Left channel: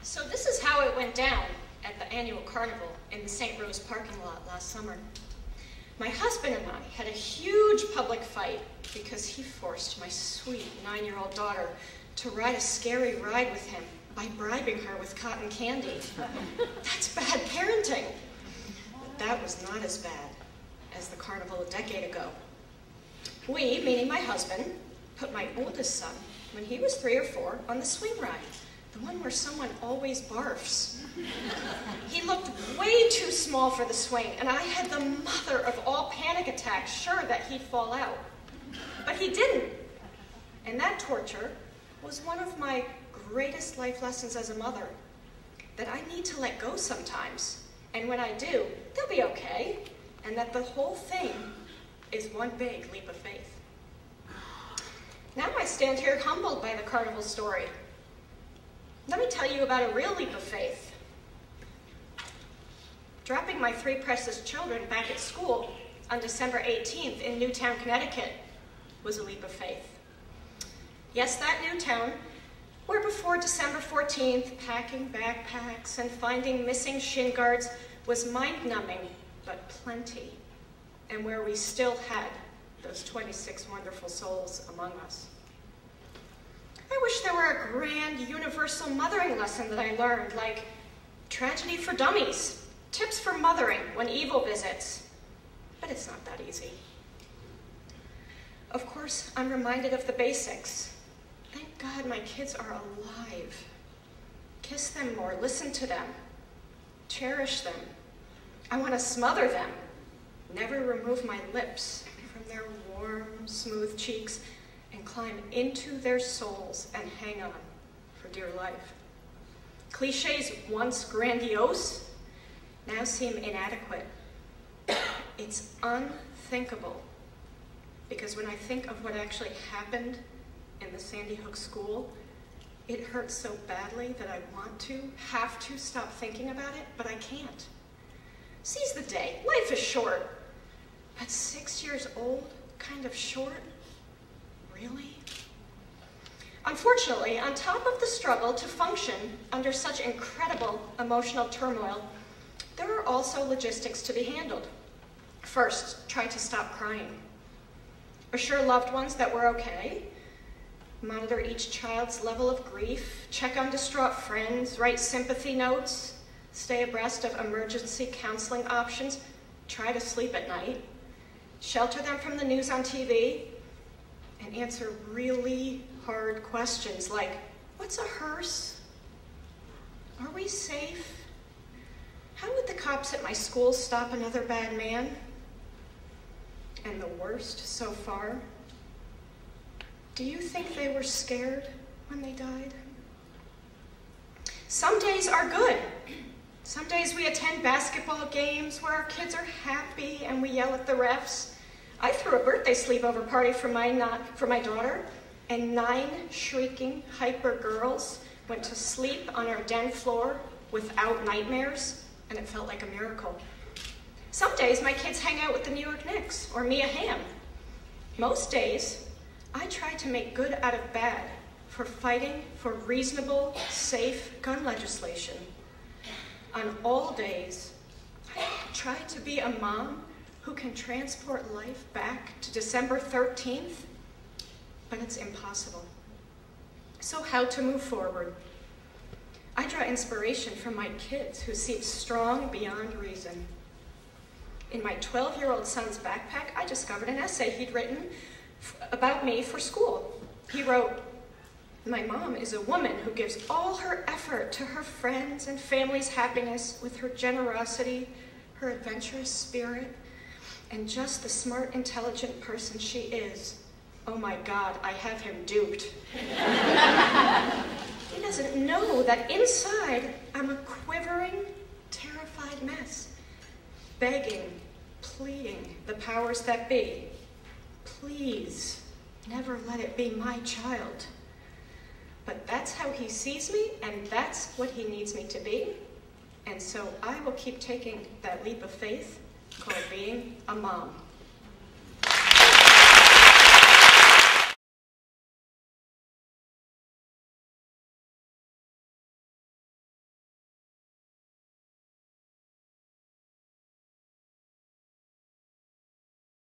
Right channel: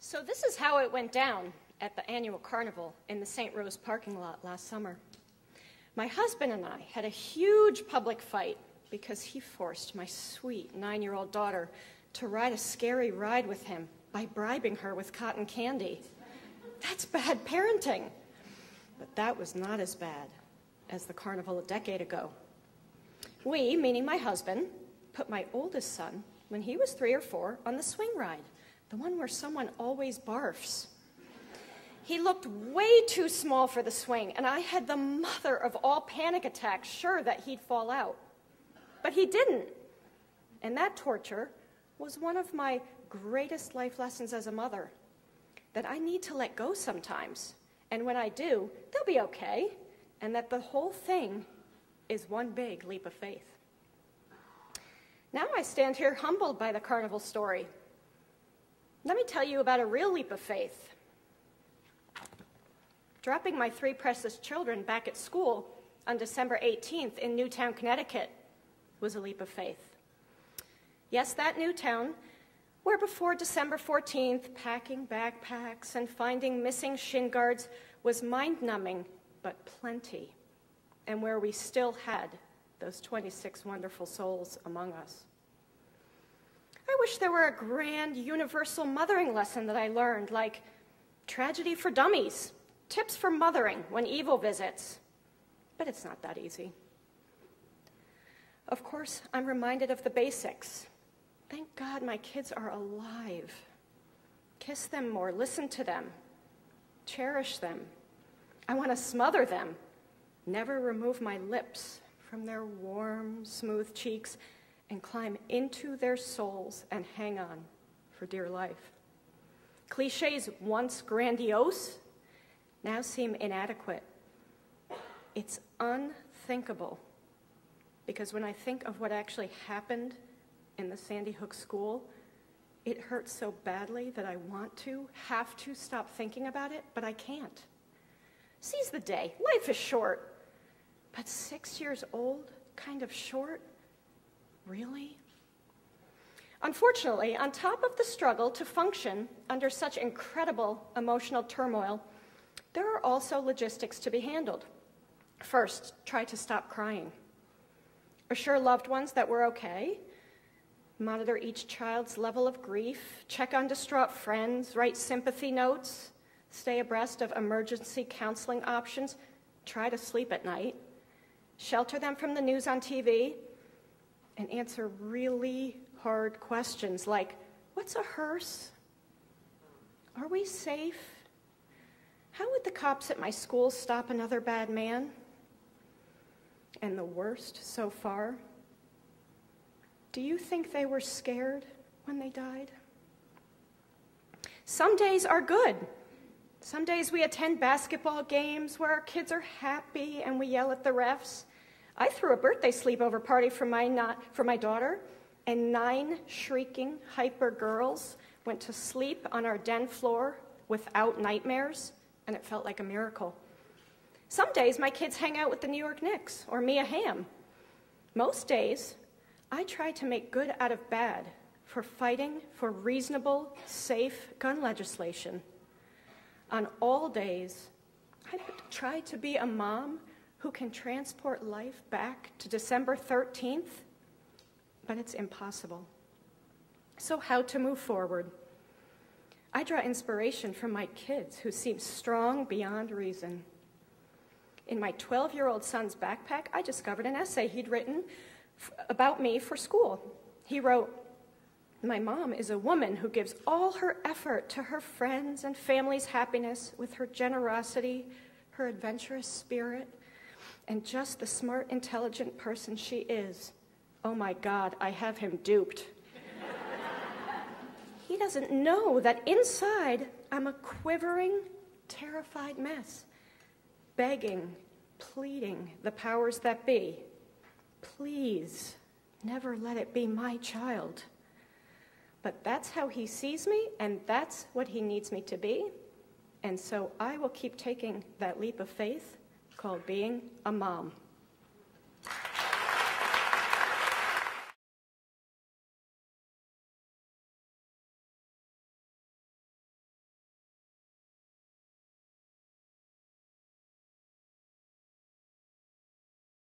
So this is how it went down at the annual carnival in the St. Rose parking lot last summer. My husband and I had a huge public fight because he forced my sweet 9-year-old daughter to ride a scary ride with him by bribing her with cotton candy. That's bad parenting. But that was not as bad as the carnival a decade ago. We, meaning my husband, put my oldest son, when he was 3 or 4, on the swing ride, the one where someone always barfs. He looked way too small for the swing, and I had the mother of all panic attacks sure that he'd fall out. But he didn't. And that torture was one of my greatest life lessons as a mother, that I need to let go sometimes. And when I do, they'll be okay, and that the whole thing is one big leap of faith. Now I stand here humbled by the carnival story. Let me tell you about a real leap of faith. Dropping my 3 precious children back at school on December 18th in Newtown, Connecticut was a leap of faith. Yes, that Newtown, where before December 14th, packing backpacks and finding missing shin guards was mind-numbing, but plenty, and where we still had those 26 wonderful souls among us. I wish there were a grand universal mothering lesson that I learned, like tragedy for dummies, tips for mothering when evil visits, but it's not that easy. Of course, I'm reminded of the basics. Thank God my kids are alive. Kiss them more, listen to them, cherish them. I want to smother them, never remove my lips from their warm, smooth cheeks, and climb into their souls and hang on for dear life. Cliches once grandiose now seem inadequate. It's unthinkable, because when I think of what actually happened in the Sandy Hook school, it hurts so badly that I have to stop thinking about it, but I can't. Seize the day. Life is short. At 6 years old, kind of short? Really? Unfortunately, on top of the struggle to function under such incredible emotional turmoil, there are also logistics to be handled. First, try to stop crying. Assure loved ones that we're okay. Monitor each child's level of grief. Check on distraught friends. Write sympathy notes. Stay abreast of emergency counseling options. Try to sleep at night. Shelter them from the news on TV. And answer really hard questions like, what's a hearse? Are we safe? How would the cops at my school stop another bad man? And the worst so far, do you think they were scared when they died? Some days are good. Some days we attend basketball games where our kids are happy and we yell at the refs. I threw a birthday sleepover party for my daughter, and 9 shrieking, hyper girls went to sleep on our den floor without nightmares, and it felt like a miracle. Some days my kids hang out with the New York Knicks or Mia Hamm. Most days, I try to make good out of bad for fighting for reasonable, safe gun legislation. On all days, I try to be a mom who can transport life back to December 13th, but it's impossible. So how to move forward? I draw inspiration from my kids who seem strong beyond reason. In my 12-year-old son's backpack, I discovered an essay he'd written about me for school. He wrote, "My mom is a woman who gives all her effort to her friends' and family's happiness with her generosity, her adventurous spirit, and just the smart, intelligent person she is. Oh my God, I have him duped." He doesn't know that inside I'm a quivering, terrified mess, begging, pleading the powers that be, please, never let it be my child. But that's how he sees me, and that's what he needs me to be. And so I will keep taking that leap of faith called being a mom.